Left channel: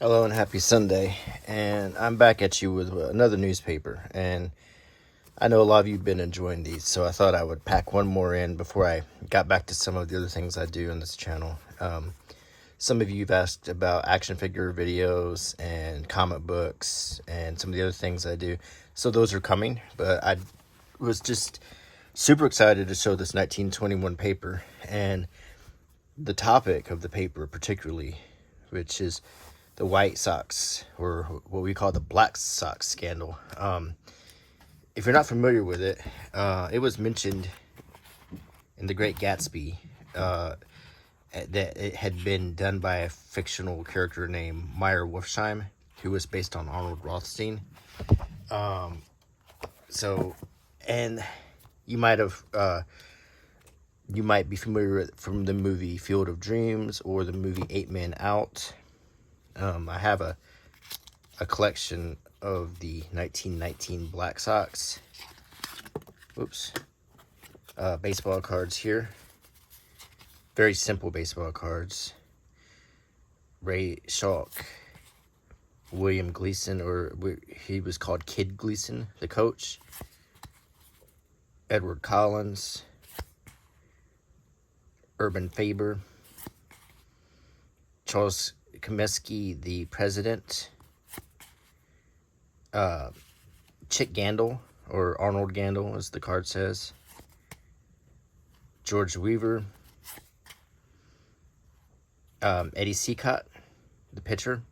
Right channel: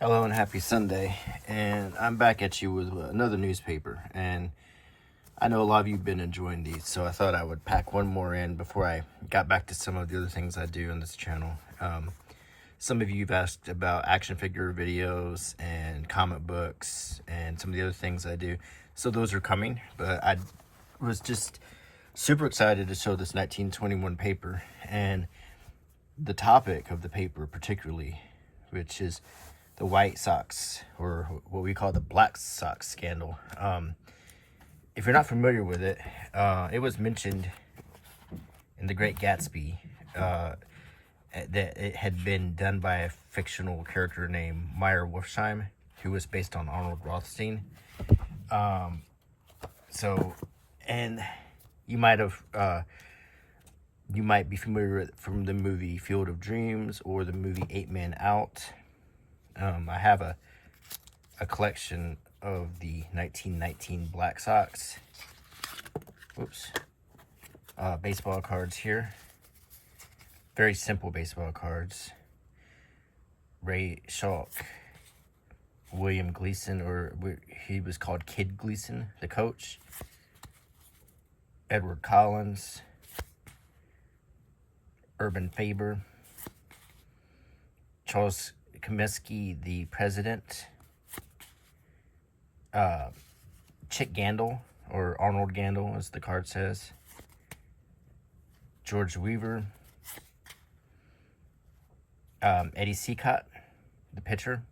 Hello and happy Sunday. And I'm back at you with another newspaper. And I know a lot of you have been enjoying these, so I thought I would pack one more in before I got back to some of the other things I do on this channel. Some of you have asked about action figure videos and comic books and some of the other things I do. So those are coming, but I was just super excited to show this 1921 paper and the topic of the paper particularly, which is the White Sox, or what we call the Black Sox scandal. If you're not familiar with it, it was mentioned in The Great Gatsby that it had been done by a fictional character named Meyer Wolfsheim, who was based on Arnold Rothstein. And you might be familiar with it from the movie Field of Dreams or the movie 8 Men Out. I have a collection of the 1919 Black Sox. Baseball cards here. Very simple baseball cards. Ray Schalk, William Gleason, or he was called Kid Gleason, the coach. Edward Collins, Urban Faber, Charles Comiskey, the president, Chick Gandil, or Arnold Gandil, as the card says, George Weaver, Eddie Seacott, the pitcher,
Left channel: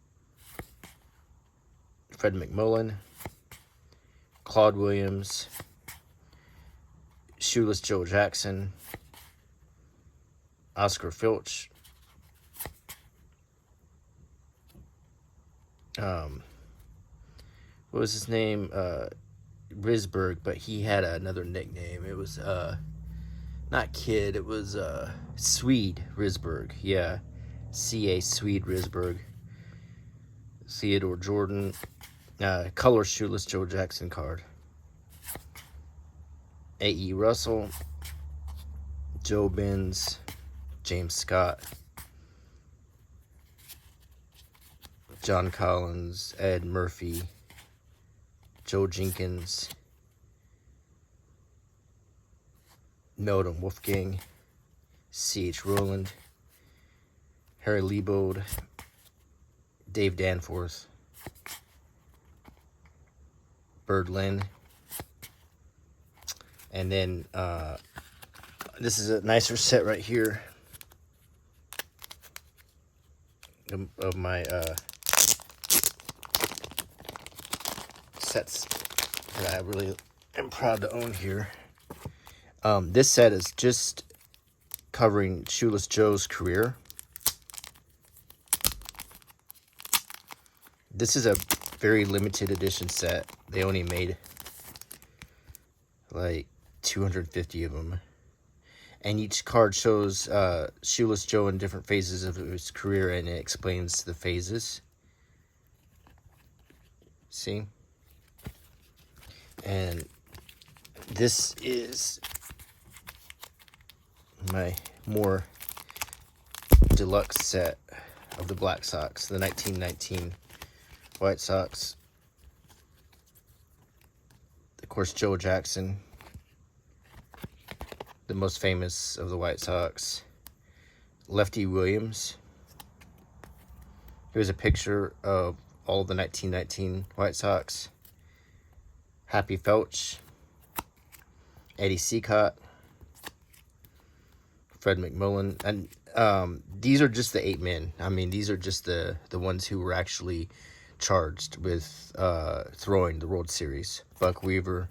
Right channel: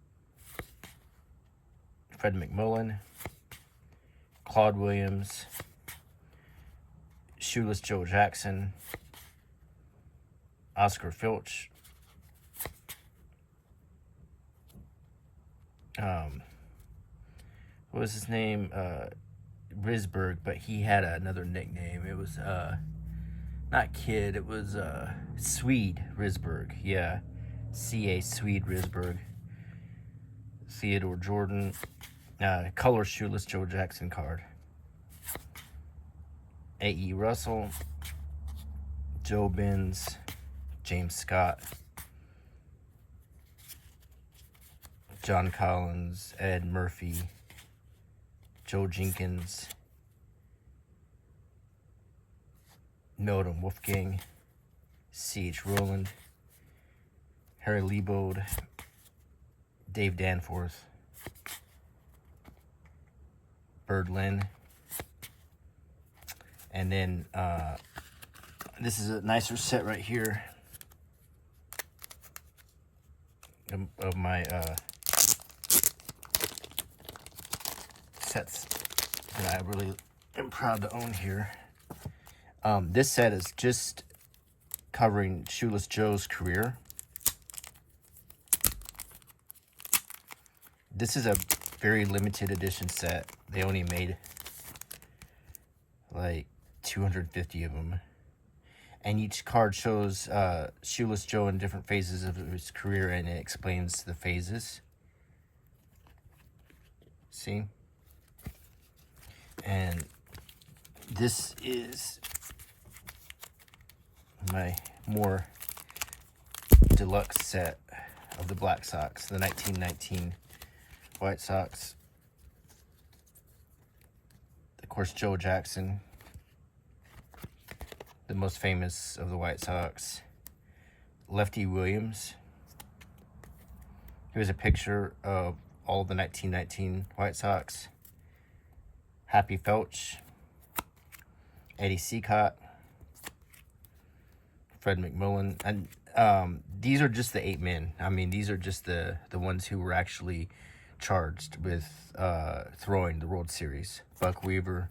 Fred McMullen, Claude Williams, Shoeless Joe Jackson, Oscar Filch, what was his name? Risberg, but he had another nickname. It was not Kid, it was Swede Risberg. Yeah, C.A. Swede Risberg. Theodore Jordan, color Shoeless Joe Jackson card. A.E. Russell, Joe Benz, James Scott, John Collins, Ed Murphy, Joe Jenkins, Milton Wolfgang, C.H. Rowland, Harry Liebold, Dave Danforth, Bird Lynn, and then this is a nicer set right here of my sets that I really am proud to own here. This set is just covering Shoeless Joe's career. This is a very limited edition set. They only made like 250 of them. And each card shows Shoeless Joe in different phases of his career, and it explains the phases. See? And this is my more deluxe set of the Black Sox, the 1919 White Sox. Of course, Joe Jackson, the most famous of the White Sox. Lefty Williams. Here's a picture of all the 1919 White Sox. Happy Felch, Eddie Seacott, Fred McMullen, and these are just the 8 men. I mean, these are just the ones who were actually charged with throwing the World Series. Buck Weaver,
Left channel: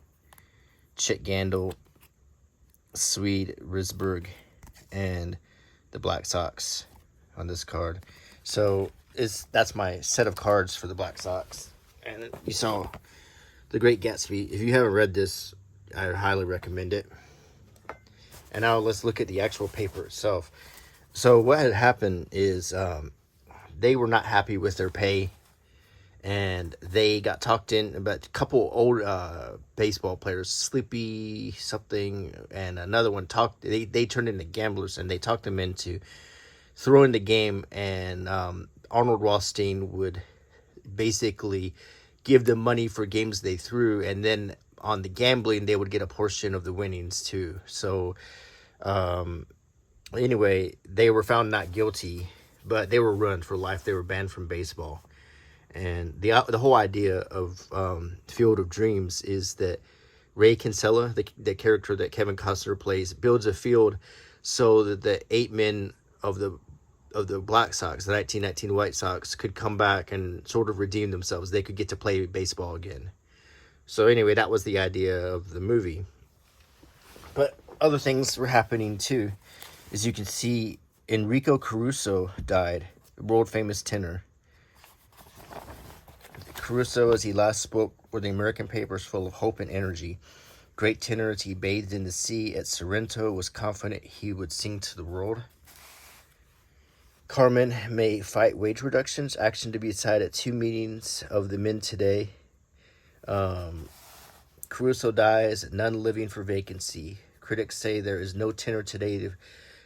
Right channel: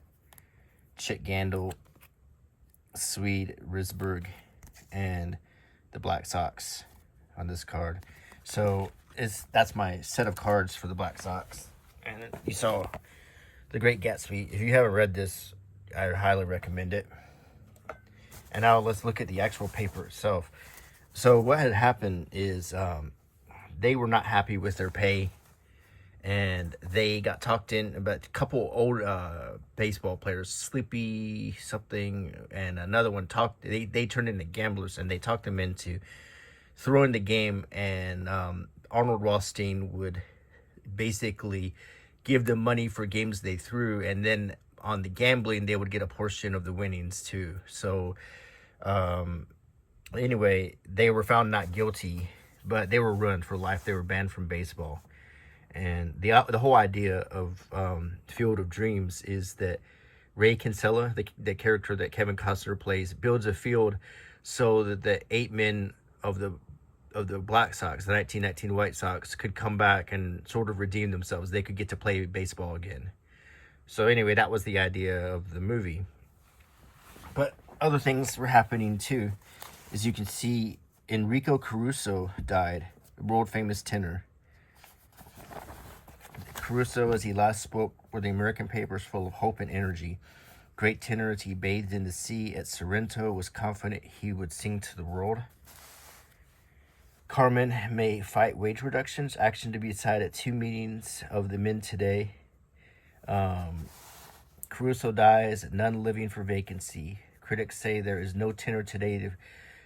Chick Gandil, Swede Risberg, and the Black Sox on this card. So that's my set of cards for the Black Sox. And you saw The Great Gatsby. If you haven't read this, I highly recommend it. And now let's look at the actual paper itself. So what had happened is they were not happy with their pay, and they got talked in. But a couple old baseball players, Sleepy something and another one, they turned into gamblers, and they talked them into throwing the game and Arnold Rothstein would basically give them money for games they threw, and then on the gambling they would get a portion of the winnings too. So anyway, they were found not guilty, but they were ruined for life. They were banned from baseball. And the whole idea of Field of Dreams is that Ray Kinsella, the character that Kevin Costner plays, builds a field so that the 8 men of the Black Sox, the 1919 White Sox, could come back and sort of redeem themselves. They could get to play baseball again. So anyway, that was the idea of the movie. But other things were happening too. As you can see, Enrico Caruso died, the world famous tenor. Caruso, as he last spoke, were the American papers full of hope and energy. Great tenor, as he bathed in the sea at Sorrento, was confident he would sing to the world. Carmen may fight wage reductions. Action to be decided at 2 meetings of the men today. Caruso dies, none living for vacancy. Critics say there is no tenor today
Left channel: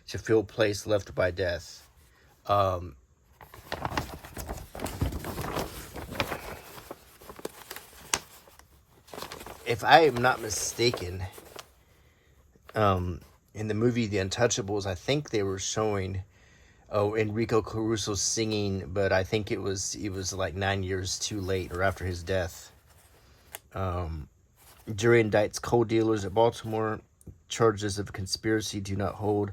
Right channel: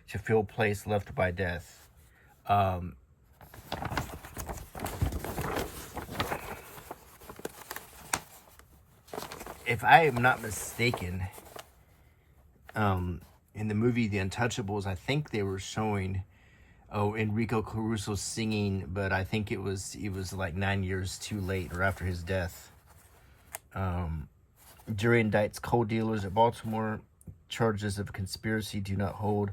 to fill place left by death. If I am not mistaken, in the movie The Untouchables, I think they were showing Enrico Caruso singing, but I think it was like 9 years too late or after his death. Jury indicts coal dealers at Baltimore. Charges of conspiracy do not hold.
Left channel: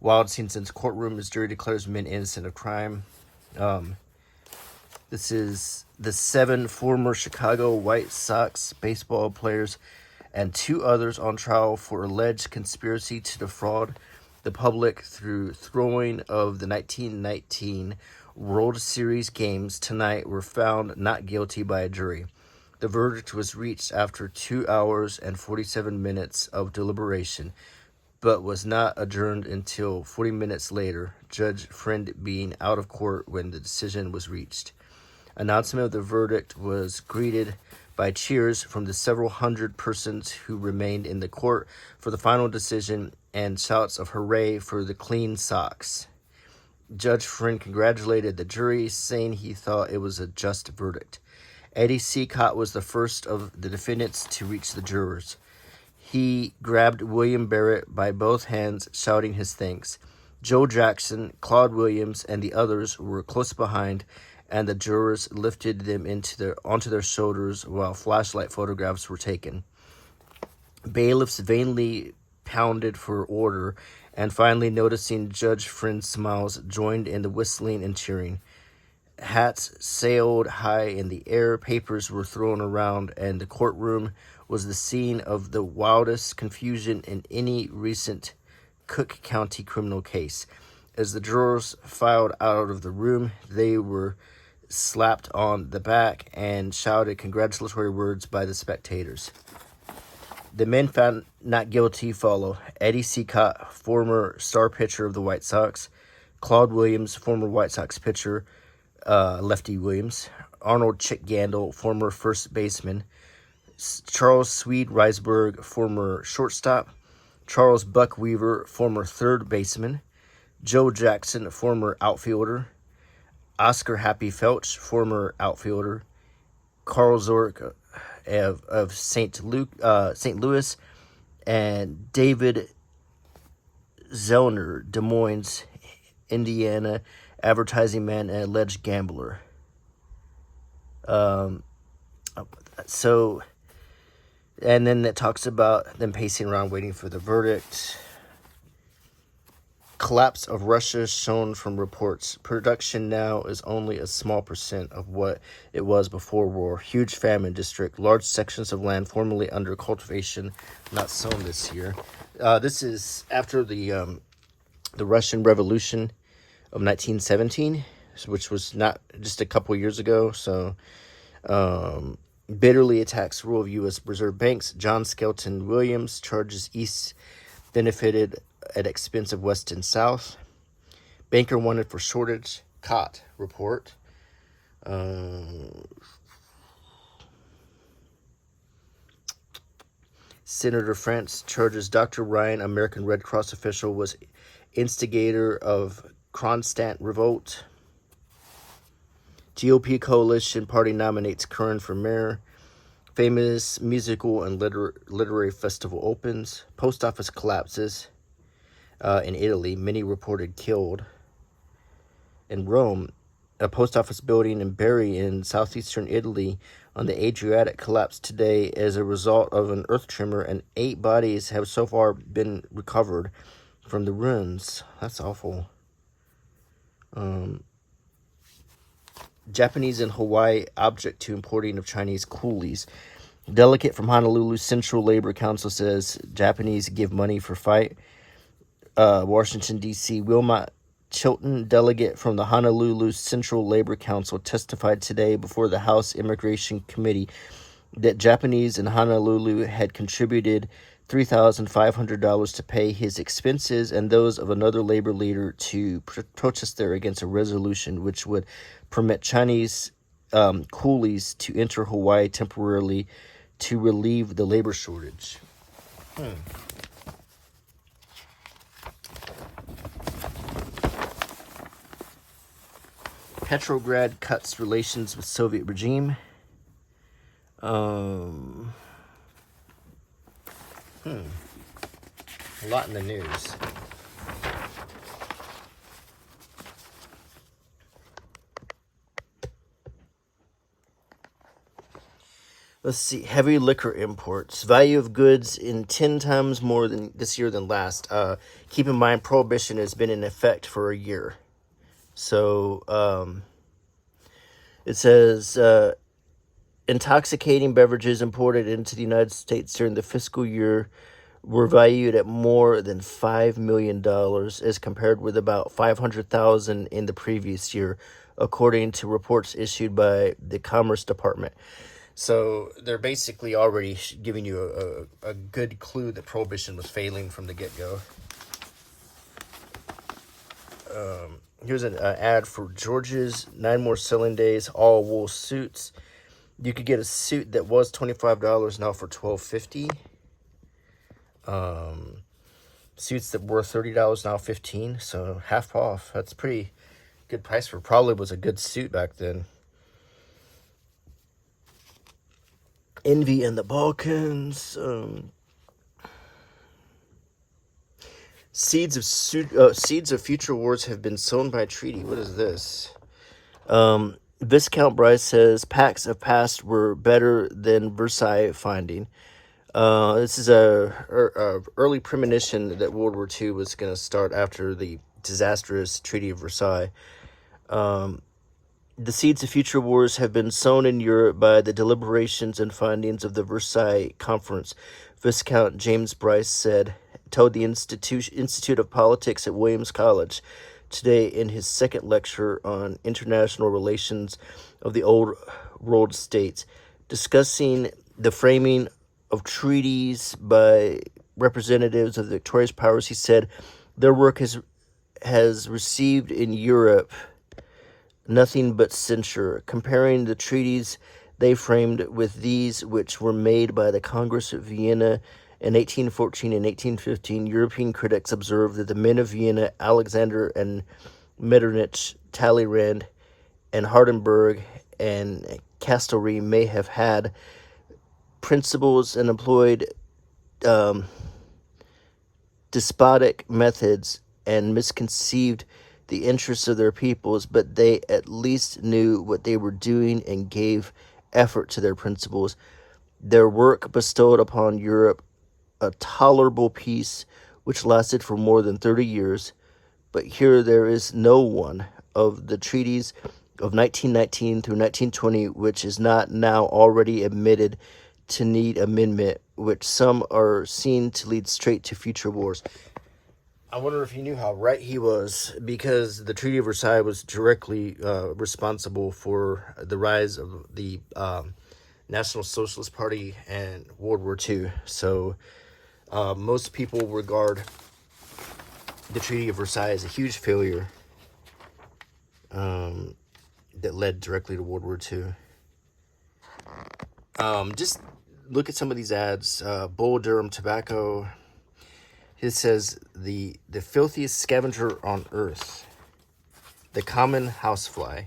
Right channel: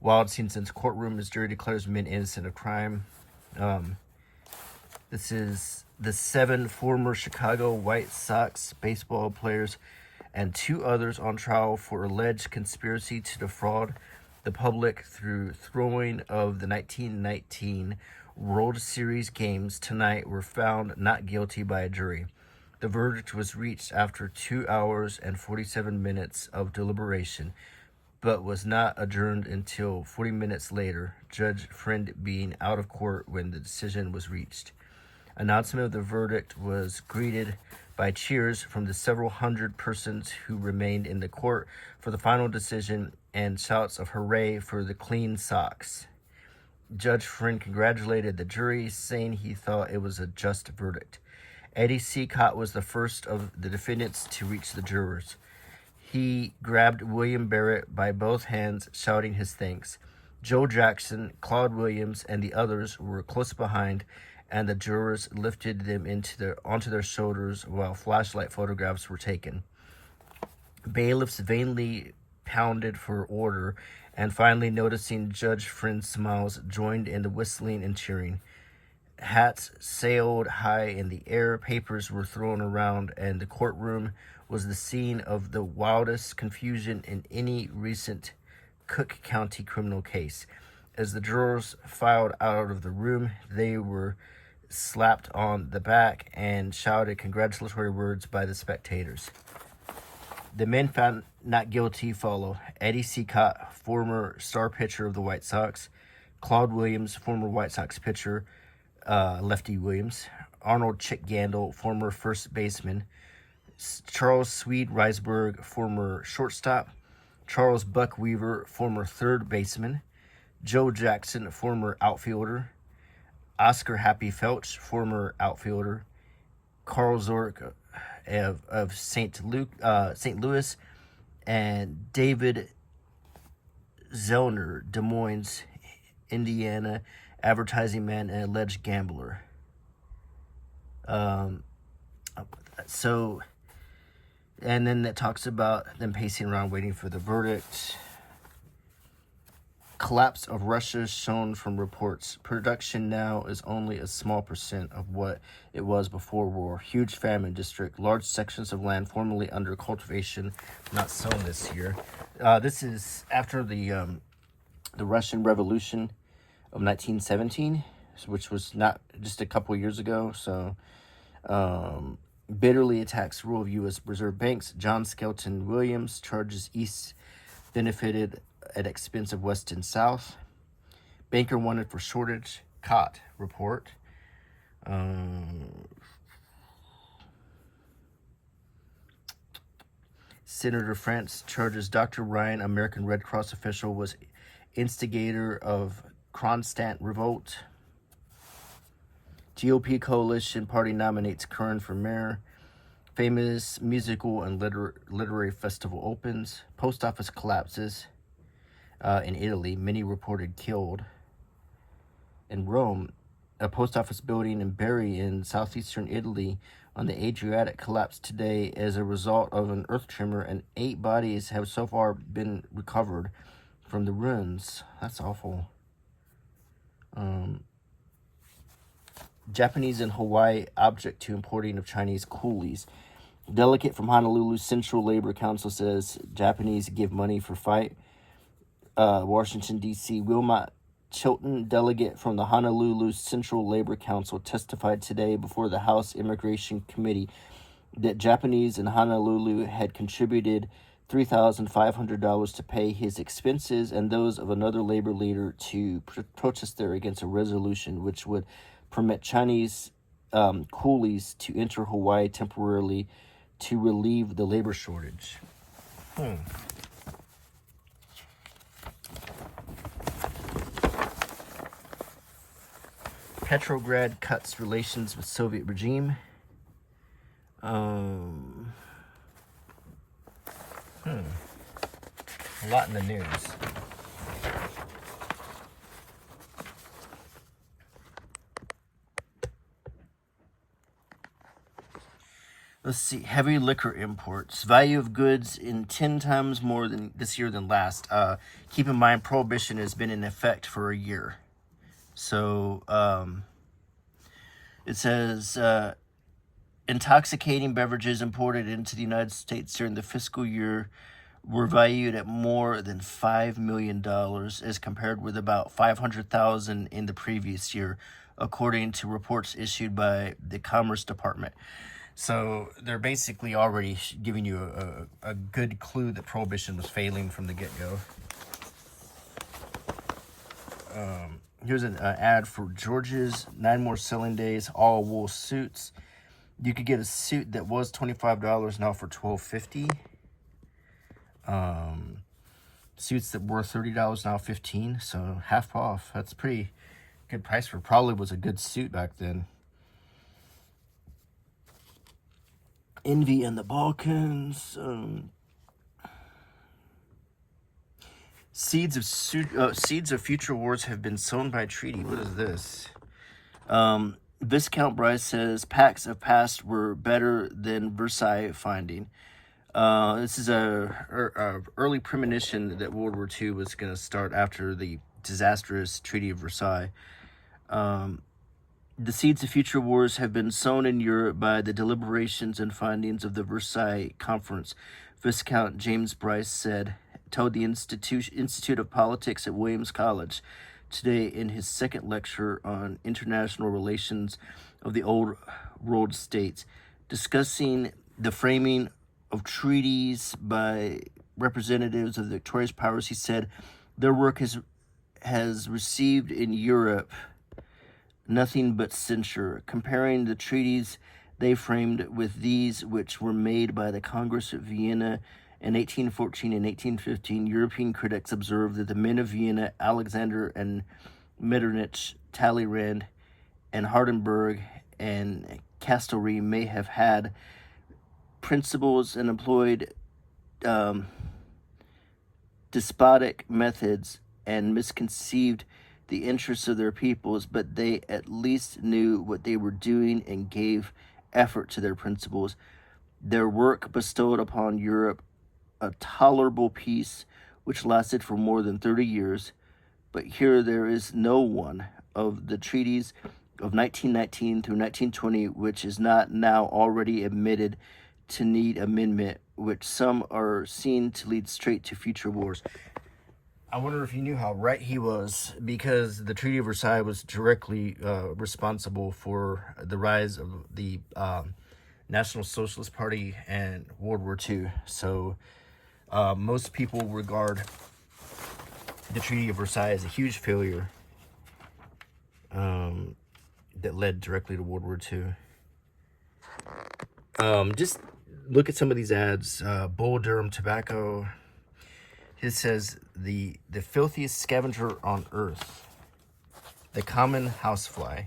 Wild scenes in courtroom as jury declares men innocent of crime. This is the 7 former Chicago White Sox baseball players and 2 others on trial for alleged conspiracy to defraud the public through throwing of the 1919 World Series games tonight were found not guilty by a jury. The verdict was reached after 2 hours and 47 minutes of deliberation, but was not adjourned until 40 minutes later, Judge Friend being out of court when the decision was reached. Announcement of the verdict was greeted by cheers from the several hundred persons who remained in the court for the final decision and shouts of hooray for the clean Sox. Judge Friend congratulated the jury, saying he thought it was a just verdict. Eddie Seacott was the first of the defendants to reach the jurors. He grabbed William Barrett by both hands, shouting his thanks. Joe Jackson, Claude Williams, and the others were close behind, and the jurors lifted them onto their shoulders while flashlight photographs were taken. Bailiffs vainly pounded for order, and finally, noticing Judge Friend's smiles, joined in the whistling and cheering. Hats sailed high in the air, papers were thrown around, and the courtroom was the scene of the wildest confusion in any recent Cook County criminal case. As the jurors filed out of the room, they were slapped on the back and shouted congratulatory words by the spectators. The men found not guilty follow: Eddie Seacott, former star pitcher of the White Sox; Claude Williams, former White Sox pitcher, Lefty Williams; Arnold Chick Gandil, former first baseman; Charles Swede Risberg, former shortstop; Charles Buck Weaver, former third baseman; Joe Jackson, former outfielder; Oscar Happy Felch, former outfielder; Carl Zork of St. Louis, and David Zellner, Des Moines, Indiana, advertising man and alleged gambler. And then it talks about them pacing around waiting for the verdict. Collapse of Russia shown from reports. Production now is only a small percent of what it was before war. Huge famine district. Large sections of land formerly under cultivation not sown this year. This is after the Russian Revolution of 1917, which was not just a couple years ago. So bitterly attacks rule of U.S. reserve banks. John Skelton Williams charges East benefited at expense of West and South. Banker wanted for shortage. Caught report. Senator France charges Dr. Ryan, American Red Cross official, was instigator of Kronstadt revolt. GOP coalition party nominates Curran for mayor. Famous musical and literary festival opens. Post office collapses in Italy. Many reported killed. In Rome, a post office building in Bari in southeastern Italy on the Adriatic collapsed today as a result of an earth tremor, and 8 bodies have so far been recovered from the ruins. That's awful. Japanese in Hawaii object to importing of Chinese coolies. Delegate from Honolulu Central Labor Council says Japanese give money for fight. Washington, D.C. Wilmot Chilton, delegate from the Honolulu Central Labor Council, testified today before the House Immigration Committee that Japanese in Honolulu had contributed $3,500 to pay his expenses and those of another labor leader to protest there against a resolution which would permit Chinese coolies to enter Hawaii temporarily to relieve the labor shortage. Petrograd cuts relations with Soviet regime. A lot in the news. Let's see. Heavy liquor imports. Value of goods in 10 times more than this year than last. Keep in mind, prohibition has been in effect for a year. So it says intoxicating beverages imported into the United States during the fiscal year were valued at more than $5 million as compared with about $500,000 in the previous year, according to reports issued by the Commerce Department. So they're basically already giving you a good clue that prohibition was failing from the get-go. Here's an ad for George's 9 more selling days, all wool suits. You could get a suit that was $25 now for $12.50. Suits that were $30 now $15, so half off. That's pretty good price for probably was a good suit back then. Envy in the Balkans. Seeds of future wars have been sown by treaty. What is this? Viscount Bryce says pacts of past were better than Versailles finding. This is a early premonition that World War II was going to start after the disastrous Treaty of Versailles. The seeds of future wars have been sown in Europe by the deliberations and findings of the Versailles Conference, Viscount James Bryce told the Institute of Politics at Williams College today in his second lecture on international relations of the Old World States, discussing the framing of treaties by representatives of the victorious powers. He said their work has received in Europe nothing but censure, comparing the treaties they framed with these which were made by the Congress of Vienna in 1814 and 1815. European critics observed that the men of Vienna, Alexander and Metternich, Talleyrand and Hardenberg and Castlereagh, may have had principles and employed despotic methods and misconceived the interests of their peoples, but they at least knew what they were doing and gave effort to their principles. Their work bestowed upon Europe a tolerable peace which lasted for more than 30 years, but here there is no one of the treaties of 1919 through 1920 which is not now already admitted to need amendment, which some are seen to lead straight to future wars. I wonder if you knew how right he was, because the Treaty of Versailles was directly responsible for the rise of the National Socialist Party and World War II. So most people regard the Treaty of Versailles as a huge failure that led directly to World War II. Just look at some of these ads. Bull Durham Tobacco. It says the filthiest scavenger on earth, the common housefly.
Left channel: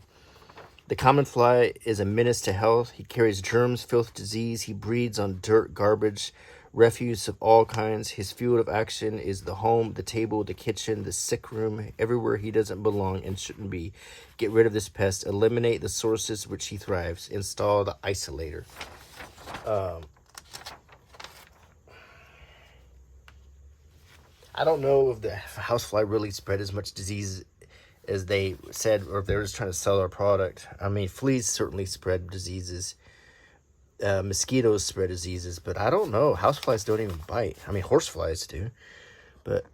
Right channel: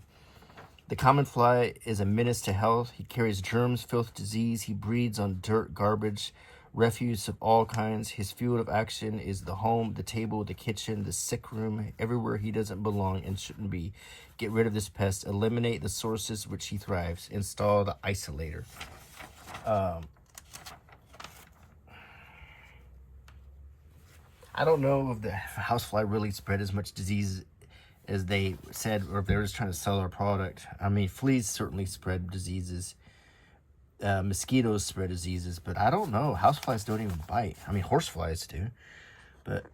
The common fly is a menace to health. He carries germs, filth, disease. He breeds on dirt, garbage, refuse of all kinds. His field of action is the home, the table, the kitchen, the sick room, everywhere he doesn't belong and shouldn't be. Get rid of this pest. Eliminate the sources which he thrives. Install the isolator. I don't know if the housefly really spread as much disease as they said, or if they're just trying to sell our product. I mean, fleas certainly spread diseases. Mosquitoes spread diseases, but I don't know. Houseflies don't even bite. I mean, horseflies do. But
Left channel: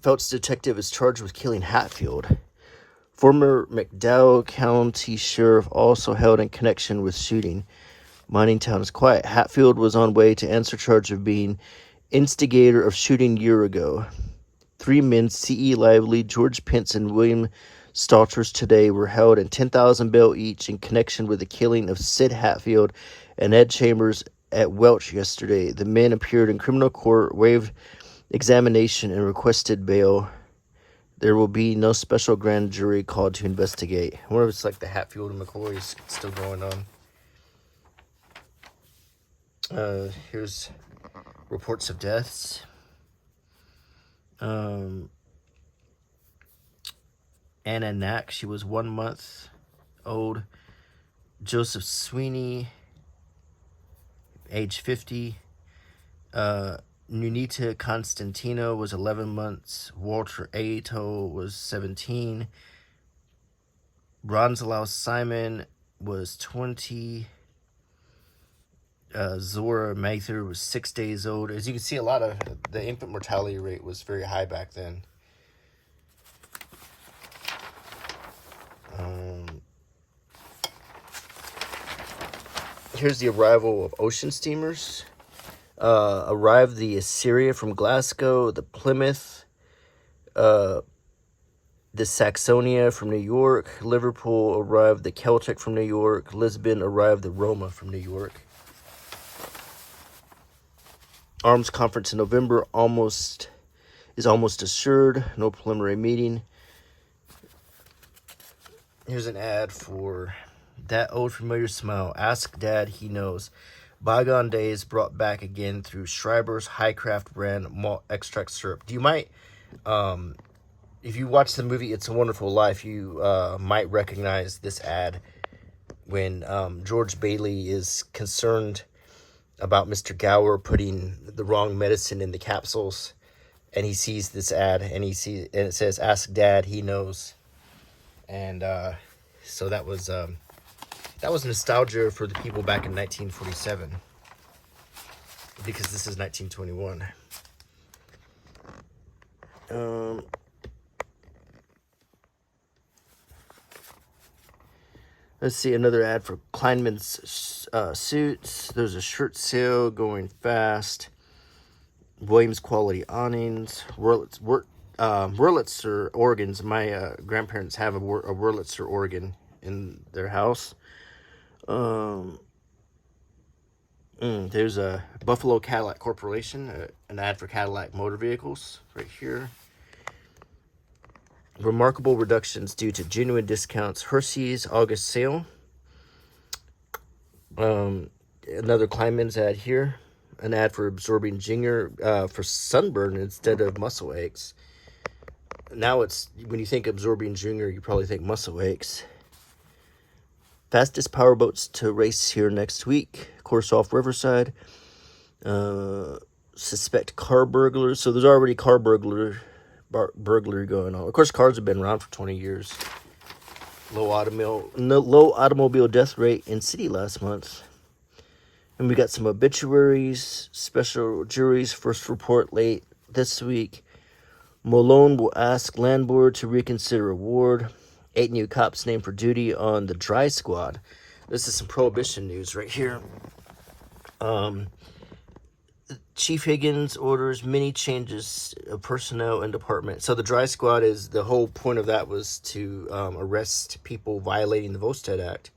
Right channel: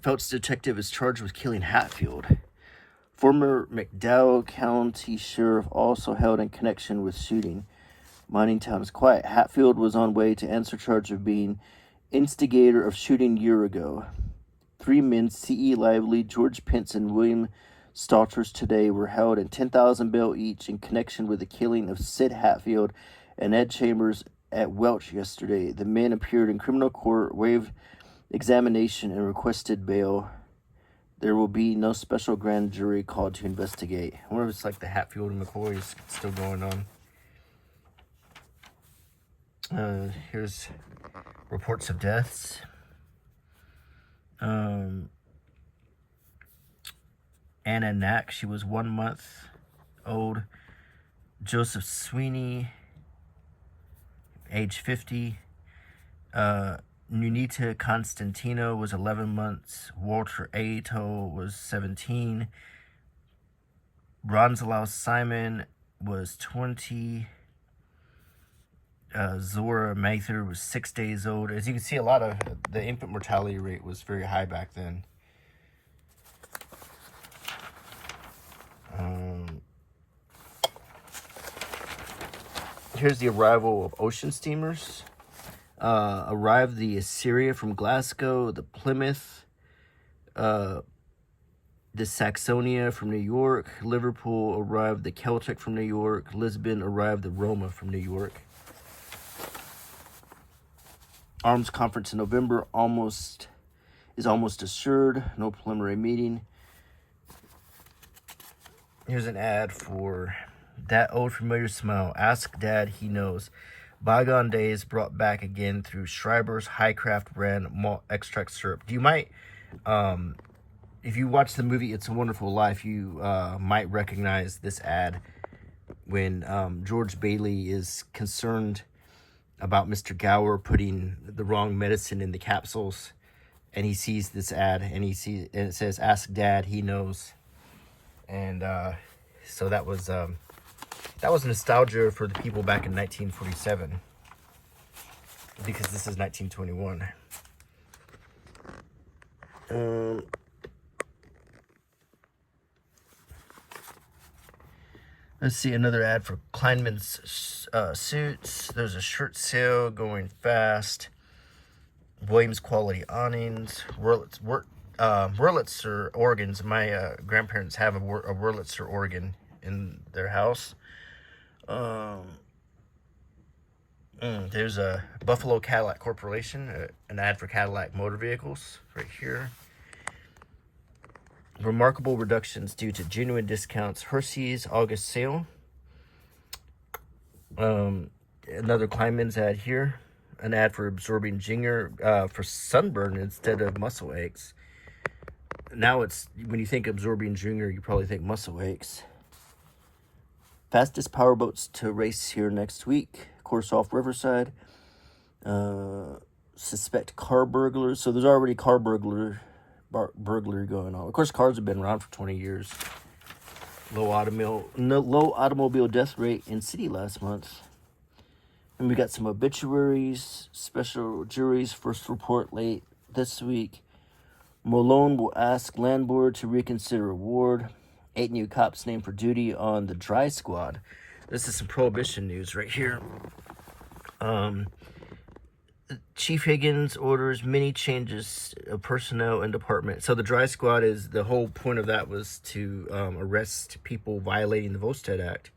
Phelps detective is charged with killing Hatfield. Former McDowell County sheriff also held in connection with shooting. Mining town is quiet. Hatfield was on way to answer charge of being instigator of shooting year ago. 3 men, C.E. Lively, George Pence, and William Stalters today were held in $10,000 bail each in connection with the killing of Sid Hatfield and Ed Chambers at Welch yesterday. The men appeared in criminal court, waived examination, and requested bail. There will be no special grand jury called to investigate. I wonder if it's like the Hatfield and McCoy is still going on. Here's reports of deaths. Anna Knack, she was 1 month old. Joseph Sweeney, age 50. Nunita Constantino was 11 months. Walter Ato was 17. Ronzalo Simon was 20. Zora Mather was 6 days old. As you can see, a lot of the infant mortality rate was very high back then. Here's the arrival of ocean steamers. Arrived the Assyria from Glasgow, the Plymouth, the Saxonia from New York. Liverpool arrived the Celtic from New York. Lisbon arrived the Roma from New York. Arms conference in November is almost assured. No preliminary meeting. Here's an ad for That Old Familiar Smell. Ask Dad, he knows. Bygone days brought back again through Schreiber's Highcraft brand malt extract syrup. You might, if you watch the movie It's a Wonderful Life, you might recognize this ad when George Bailey is concerned about Mr. Gower putting the wrong medicine in the capsules, and he sees this ad, and it says, "Ask Dad, he knows." And so that was nostalgia for the people back in 1947, because this is 1921. Let's see, another ad for Kleinman's suits. There's a shirt sale going fast. Williams quality awnings. Wurlitzer organs. My grandparents have a Wurlitzer organ in their house. There's a Buffalo Cadillac Corporation, an ad for Cadillac motor vehicles right here. Remarkable reductions due to genuine discounts. Hershey's August sale. Another Kleinman's ad here. An ad for absorbing ginger for sunburn instead of muscle aches. Now it's, when you think absorbing ginger, you probably think muscle aches. Fastest powerboats to race here next week. Course off Riverside. Suspect car burglars. So there's already car burglary going on. Of course, cars have been around for 20 years. Low automobile death rate in city last month. And we got some obituaries, special juries, first report late this week. Malone will ask landlord to reconsider award. 8 new cops named for duty on the dry squad. This is some prohibition news right here. Chief Higgins orders many changes of personnel and department. So the dry squad is, the whole point of that was to arrest people violating the Volstead Act.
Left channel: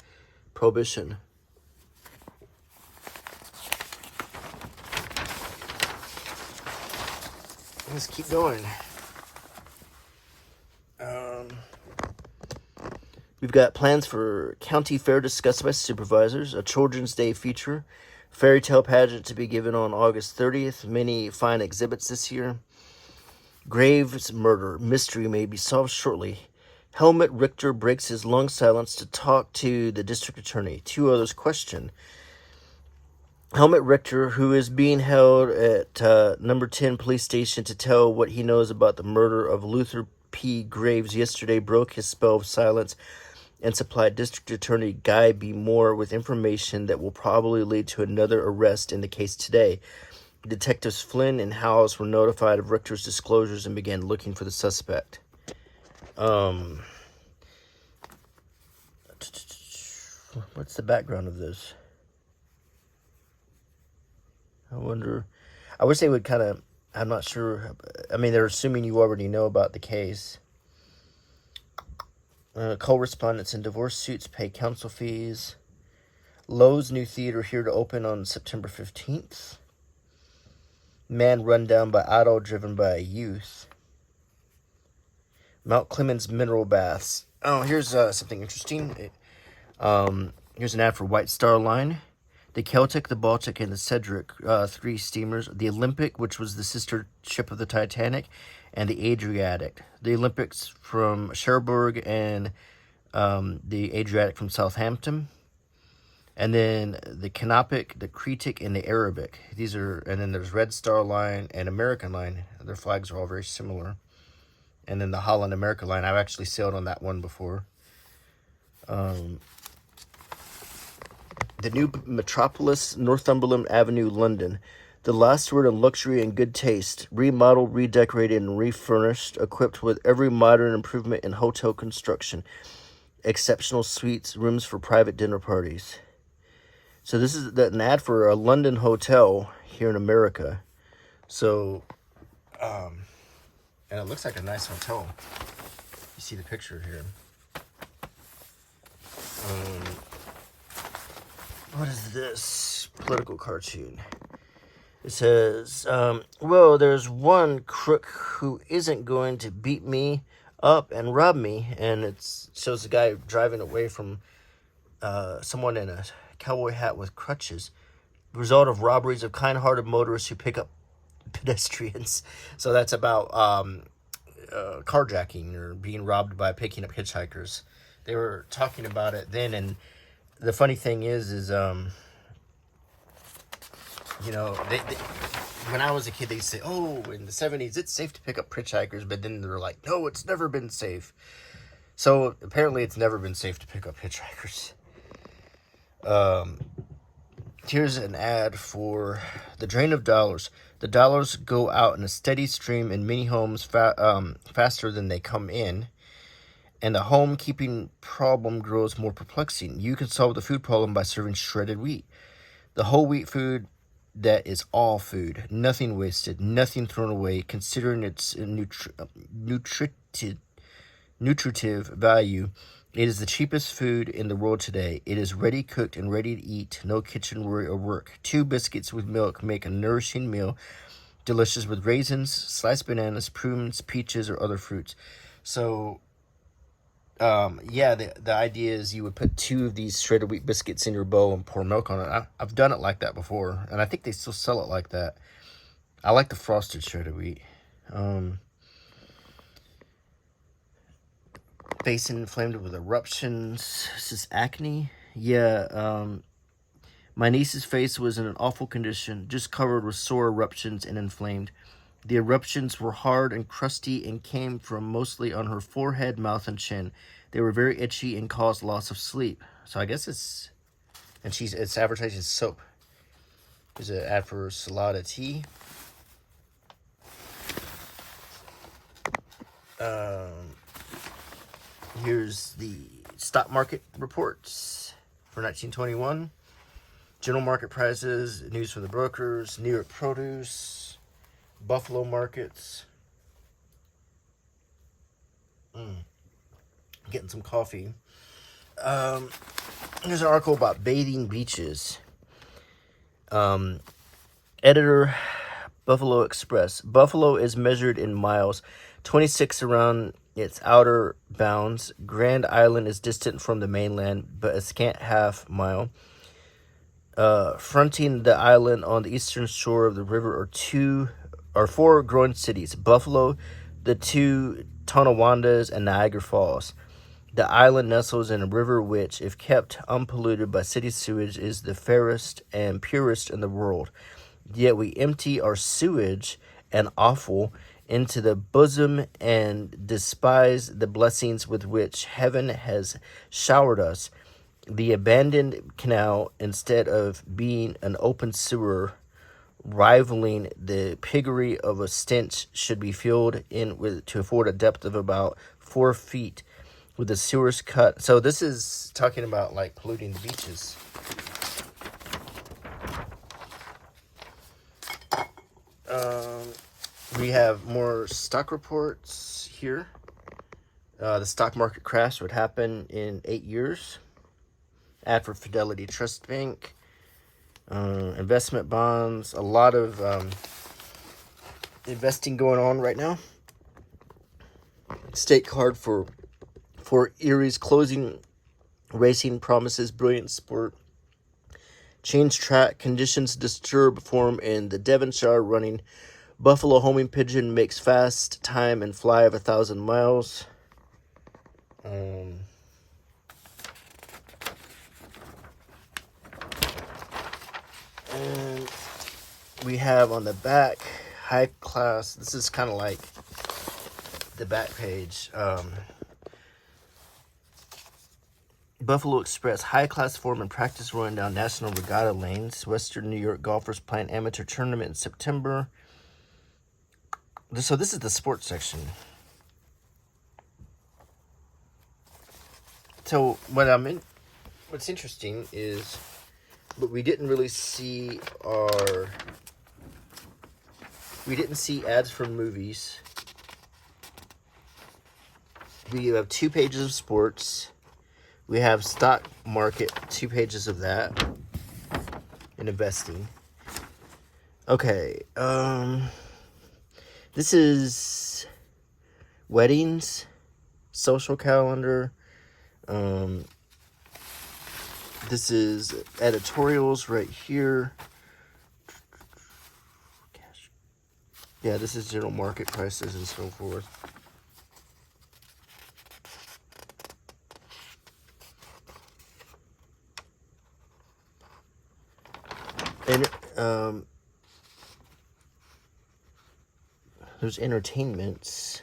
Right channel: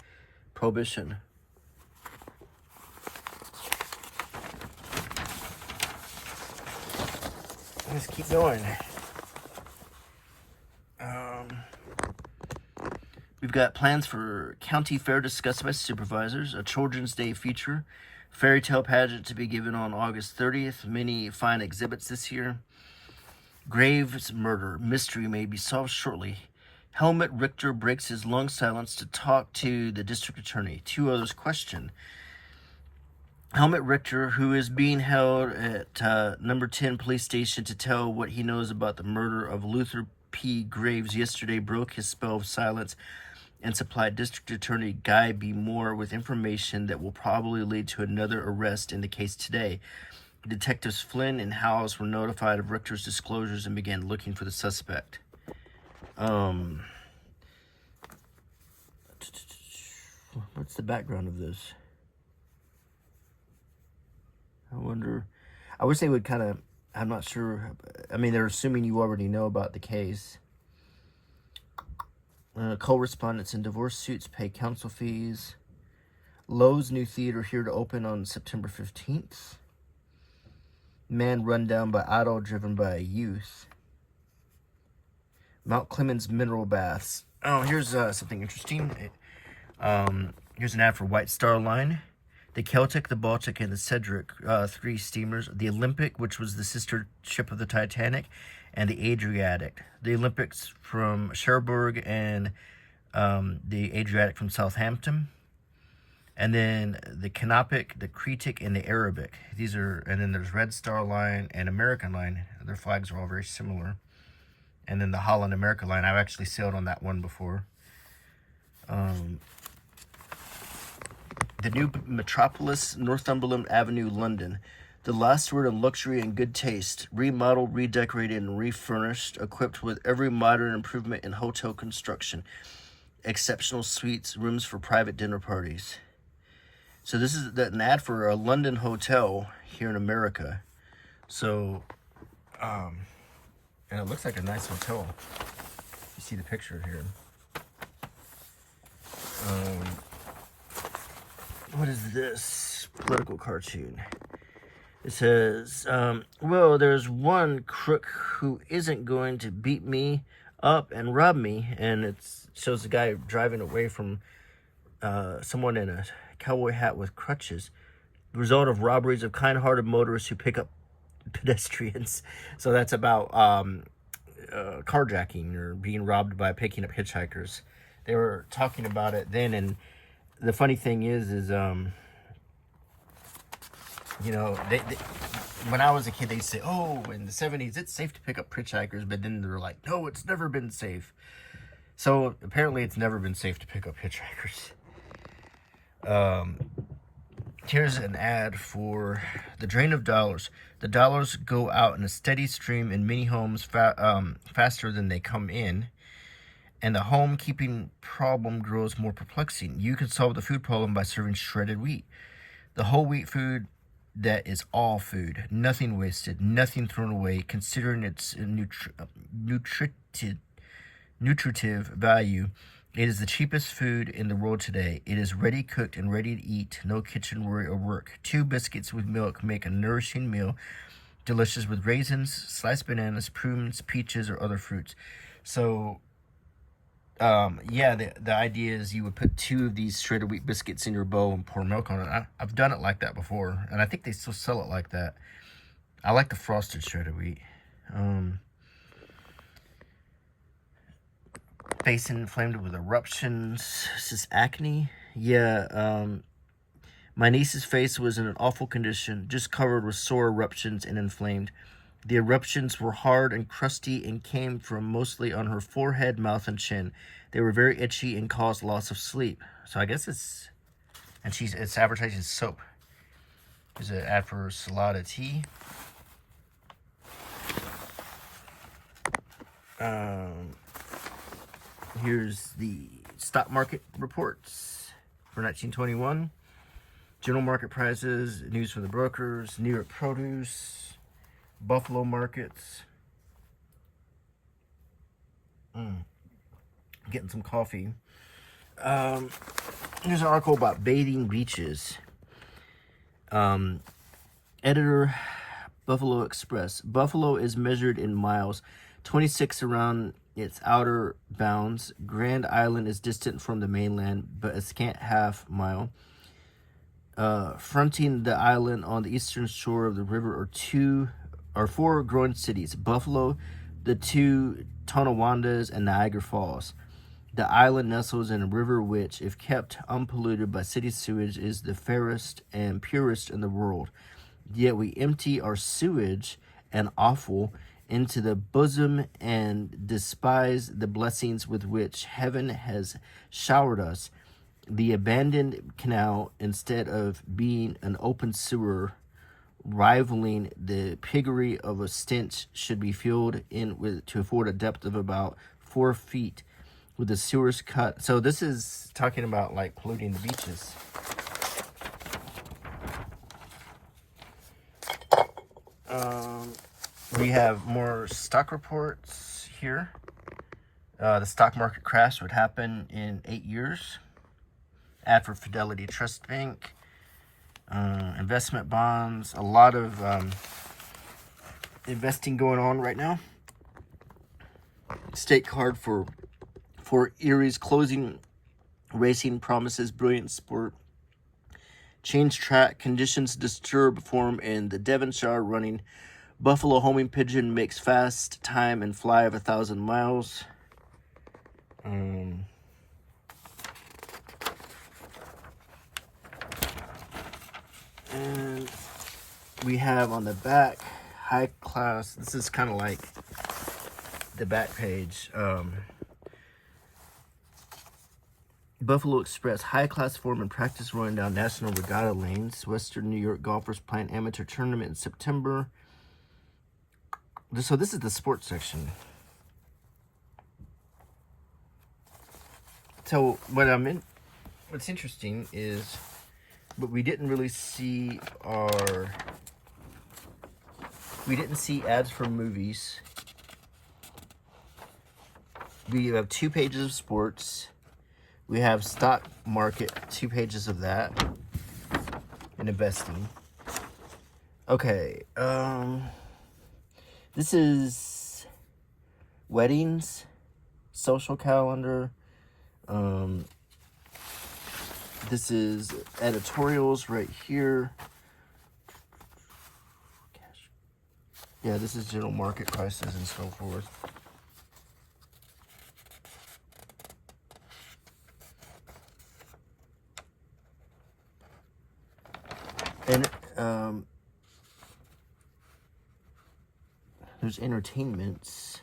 Prohibition. Let's keep going. We've got plans for county fair discussed by supervisors, a Children's Day feature, fairy tale pageant to be given on August 30th, many fine exhibits this year. Graves murder mystery may be solved shortly. Helmut Richter breaks his long silence to talk to the district attorney. Two others question. Helmut Richter, who is being held at number 10 police station to tell what he knows about the murder of Luther P. Graves yesterday, broke his spell of silence and supplied District Attorney Guy B. Moore with information that will probably lead to another arrest in the case today. Detectives Flynn and Howes were notified of Richter's disclosures and began looking for the suspect. What's the background of this? I wonder. I wish they would kind of. I'm not sure. I mean, they're assuming you already know about the case. Co-respondents in divorce suits pay counsel fees. Lowe's new theater here to open on September 15th. Man run down by auto driven by a youth. Mount Clemens mineral baths. Oh, here's something interesting. Here's an ad for White Star Line. The Celtic, the Baltic, and the Cedric, 3 steamers. The Olympic, which was the sister ship of the Titanic, and the Adriatic. The Olympics from Cherbourg and the Adriatic from Southampton. And then the Canopic, the Cretic, and the Arabic. These are, and then there's Red Star Line and American Line. Their flags are all very similar. And then the Holland America Line. I've actually sailed on that one before. The new Metropolis, Northumberland Avenue, London. The last word on luxury and good taste. Remodeled, redecorated, and refurnished, equipped with every modern improvement in hotel construction. Exceptional suites, rooms for private dinner parties. So this is an ad for a London hotel here in America. So, and it looks like a nice hotel. You see the picture here. What is this political cartoon? It says, well, there's one crook who isn't going to beat me up and rob me. And it shows the guy driving away from someone in a cowboy hat with crutches. The result of robberies of kind-hearted motorists who pick up pedestrians. So that's about carjacking or being robbed by picking up hitchhikers. They were talking about it then, and the funny thing is you know, they when I was a kid, they'd say, oh, in the 70s, it's safe to pick up hitchhikers, but then they're like, no, it's never been safe. So apparently it's never been safe to pick up hitchhikers. Here's an ad for the drain of dollars. The dollars go out in a steady stream in many homes faster than they come in. And the home-keeping problem grows more perplexing. You can solve the food problem by serving shredded wheat. The whole wheat food that is all food. Nothing wasted, nothing thrown away, considering its nutritive value. It is the cheapest food in the world today. It is ready cooked and ready to eat. No kitchen worry or work. 2 biscuits with milk make a nourishing meal. Delicious with raisins, sliced bananas, prunes, peaches, or other fruits. So... yeah, the idea is you would put 2 of these shredded wheat biscuits in your bowl and pour milk on it. I've done it like that before, and I think they still sell it like that. I like the frosted shredded wheat. Face inflamed with eruptions. This is acne. Yeah, my niece's face was in an awful condition, just covered with sore eruptions and inflamed. The eruptions were hard and crusty and came from mostly on her forehead, mouth, and chin. They were very itchy and caused loss of sleep. So I guess it's advertising soap. Here's an ad for Salada tea. Here's the stock market reports for 1921. General market prices, news from the brokers, New York produce, Buffalo markets. Getting some coffee. There's an article about bathing beaches. Editor, Buffalo Express. Buffalo is measured in miles, 26 around its outer bounds. Grand Island is distant from the mainland, but a scant half-mile. Fronting the island on the eastern shore of the river are four growing cities: Buffalo, the two Tonawandas, and Niagara Falls. The island nestles in a river which, if kept unpolluted by city sewage, is the fairest and purest in the world. Yet we empty our sewage and offal into the bosom and despise the blessings with which heaven has showered us. The abandoned canal, instead of being an open sewer rivaling the piggery of a stench, should be filled in with to afford a depth of about 4 feet, with the sewers cut. So this is talking about like polluting the beaches. We have more stock reports here. The stock market crash would happen in 8 years. Ad for Fidelity Trust Bank. Investment bonds. A lot of investing going on right now. State card for Erie's closing. Racing promises brilliant sport. Change track. Conditions disturb form in the Devonshire running. Buffalo homing pigeon makes fast time and fly of 1,000 miles. And we have on the back, high class. This is kind of like the back page. Buffalo Express, high class form and practice rolling down national regatta lanes. Western New York golfers play an amateur tournament in September. So this is the sports section. So what's interesting is, but we didn't really see ads for movies. We have 2 pages of sports. We have stock market, 2 pages of that, and investing. Okay, this is weddings, social calendar. This is editorials right here. Yeah, this is general market prices and so forth. And there's entertainments.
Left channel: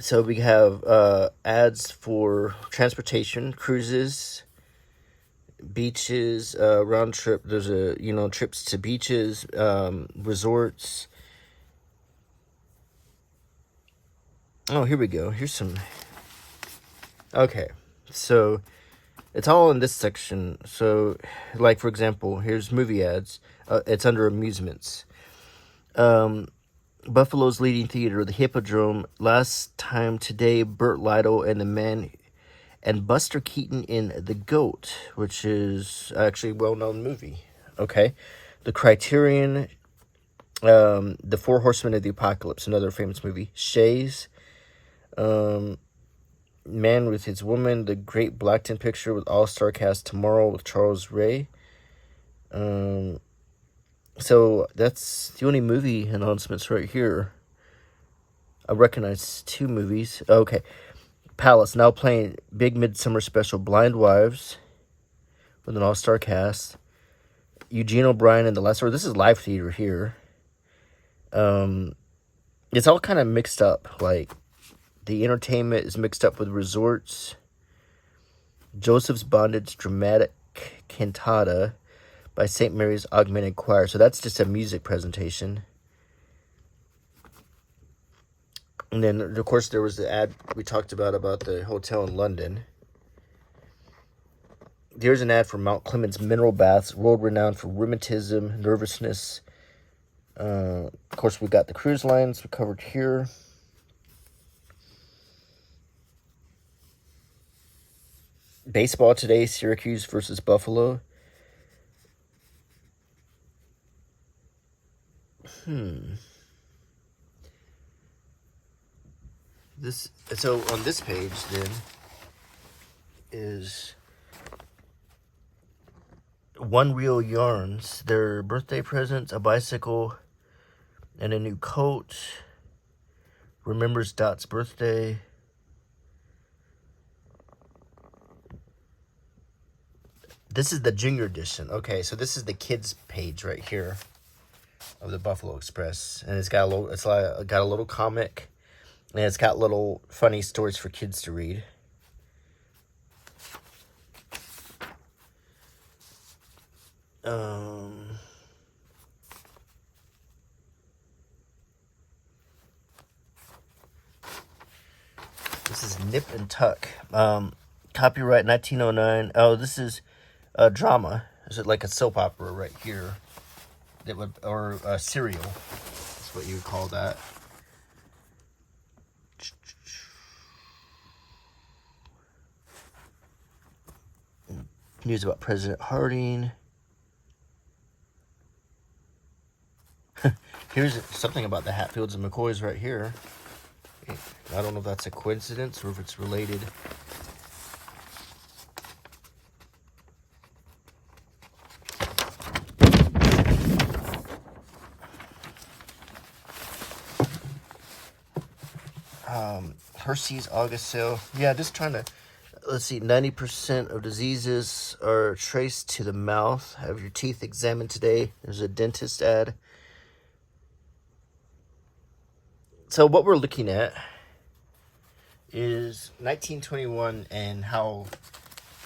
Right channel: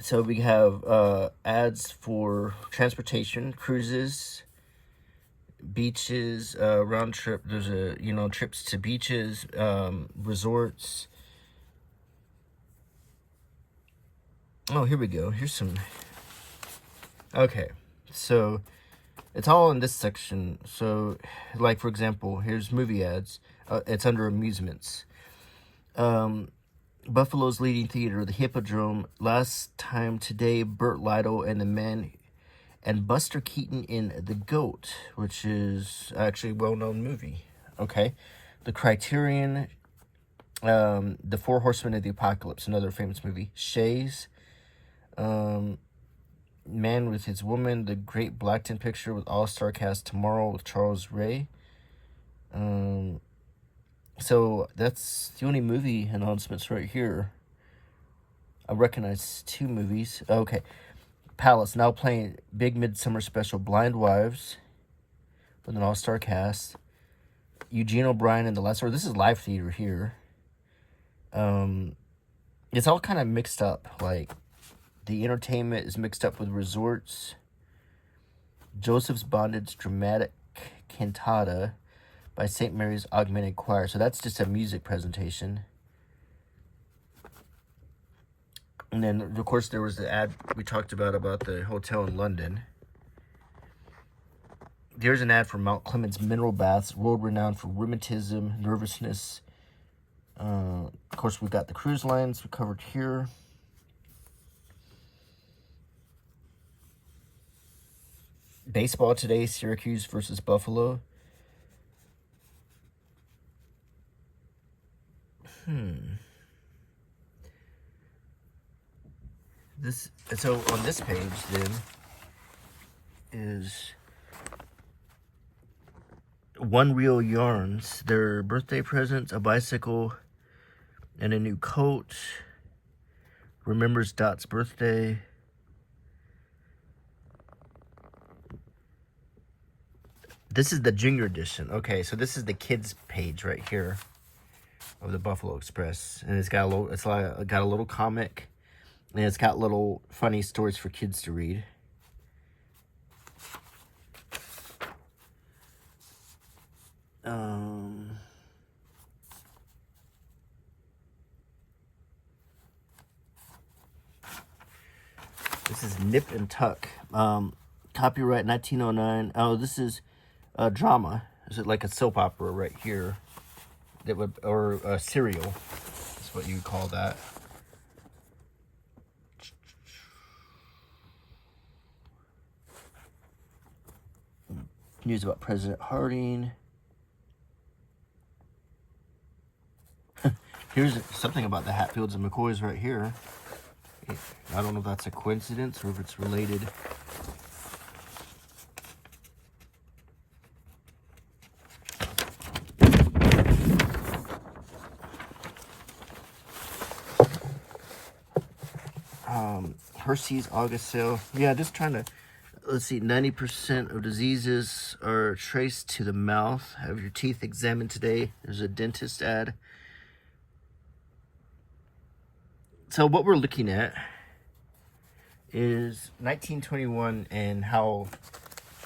So we have ads for transportation, cruises, beaches, round trip. There's trips to beaches, resorts. Oh, here we go. Here's some. Okay, so it's all in this section. So, like for example, here's movie ads. It's under amusements. Buffalo's leading theater, the Hippodrome. Last time today, Burt Lytle and the Man, and Buster Keaton in The Goat, which is actually a well-known movie. Okay, the Criterion, The Four Horsemen of the Apocalypse, another famous movie. Shays, Man with His Woman, The Great Blackton Picture with all-star cast tomorrow with Charles Ray. So that's the only movie announcements right here. I recognize 2 movies. Okay. Palace now playing big midsummer special, Blind Wives, with an all-star cast. Eugene O'Brien and the Last Word. This is live theater here. It's all kind of mixed up. Like, the entertainment is mixed up with resorts. Joseph's Bondage dramatic cantata by St. Mary's Augmented Choir. So that's just a music presentation. And then, of course, there was the ad we talked about the hotel in London. There's an ad for Mount Clemens Mineral Baths, world-renowned for rheumatism, nervousness. Of course, we got the cruise lines we covered here. Baseball today, Syracuse versus Buffalo. So on this page then is One Reel Yarns. Their birthday presents, a bicycle, and a new coat. Remembers Dot's birthday. This is the junior edition. Okay, so this is the kids page right here of the Buffalo Express, and it's got a little. It's like got a little comic, and it's got little funny stories for kids to read. This is Nip and Tuck. Copyright 1909. Oh, this is a drama. Is it like a soap opera right here? That would, or a serial. That's what you would call that. News about President Harding. Here's something about the Hatfields and McCoys right here. I don't know if that's a coincidence or if it's related. Hershey's August sale. Yeah, just trying to, let's see, 90% of diseases are traced to the mouth. Have your teeth examined today. There's a dentist ad. So what we're looking at is 1921 and how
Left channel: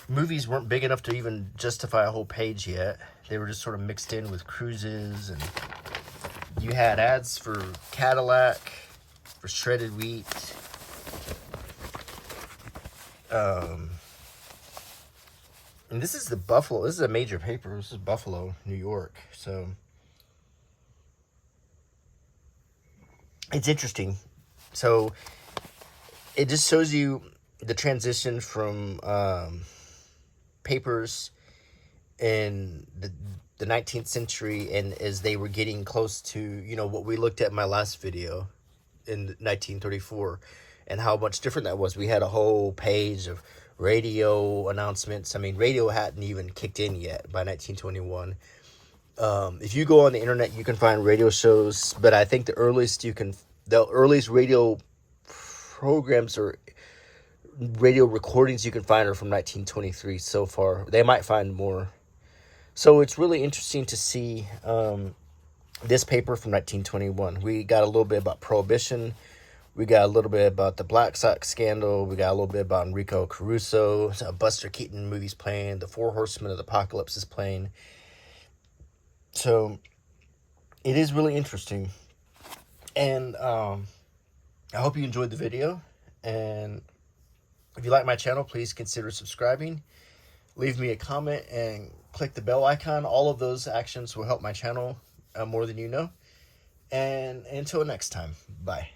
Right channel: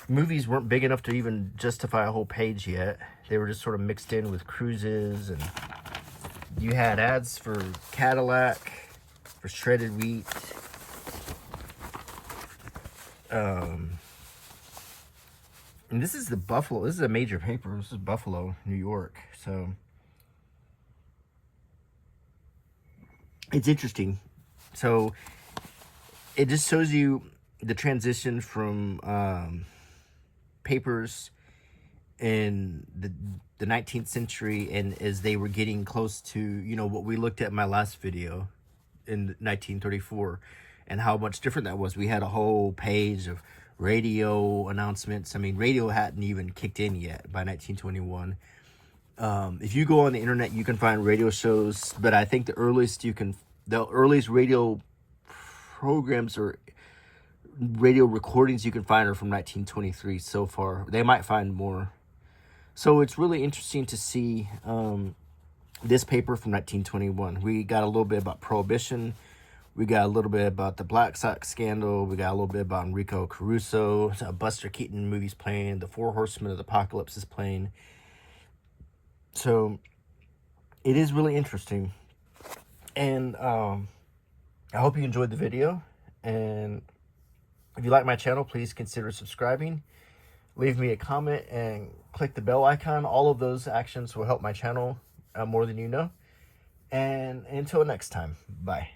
movies weren't big enough to even justify a whole page yet. They were just sort of mixed in with cruises, and you had ads for Cadillac, for shredded wheat. And this is the Buffalo. This is a major paper. This is Buffalo, New York. So it's interesting. So it just shows you the transition from papers in the 19th century, and as they were getting close to, you know, what we looked at in my last video in 1934, and how much different that was. We had a whole page of radio announcements. I mean, radio hadn't even kicked in yet by 1921. If you go on the internet, you can find radio shows, but I think the earliest radio programs or radio recordings you can find are from 1923 so far. They might find more. So it's really interesting to see this paper from 1921. We got a little bit about Prohibition. We got a little bit about the Black Sox scandal. We got a little bit about Enrico Caruso. Buster Keaton movies playing. The Four Horsemen of the Apocalypse is playing. So it is really interesting. And I hope you enjoyed the video. And if you like my channel, please consider subscribing. Leave me a comment and click the bell icon. All of those actions will help my channel more than you know. And until next time, bye.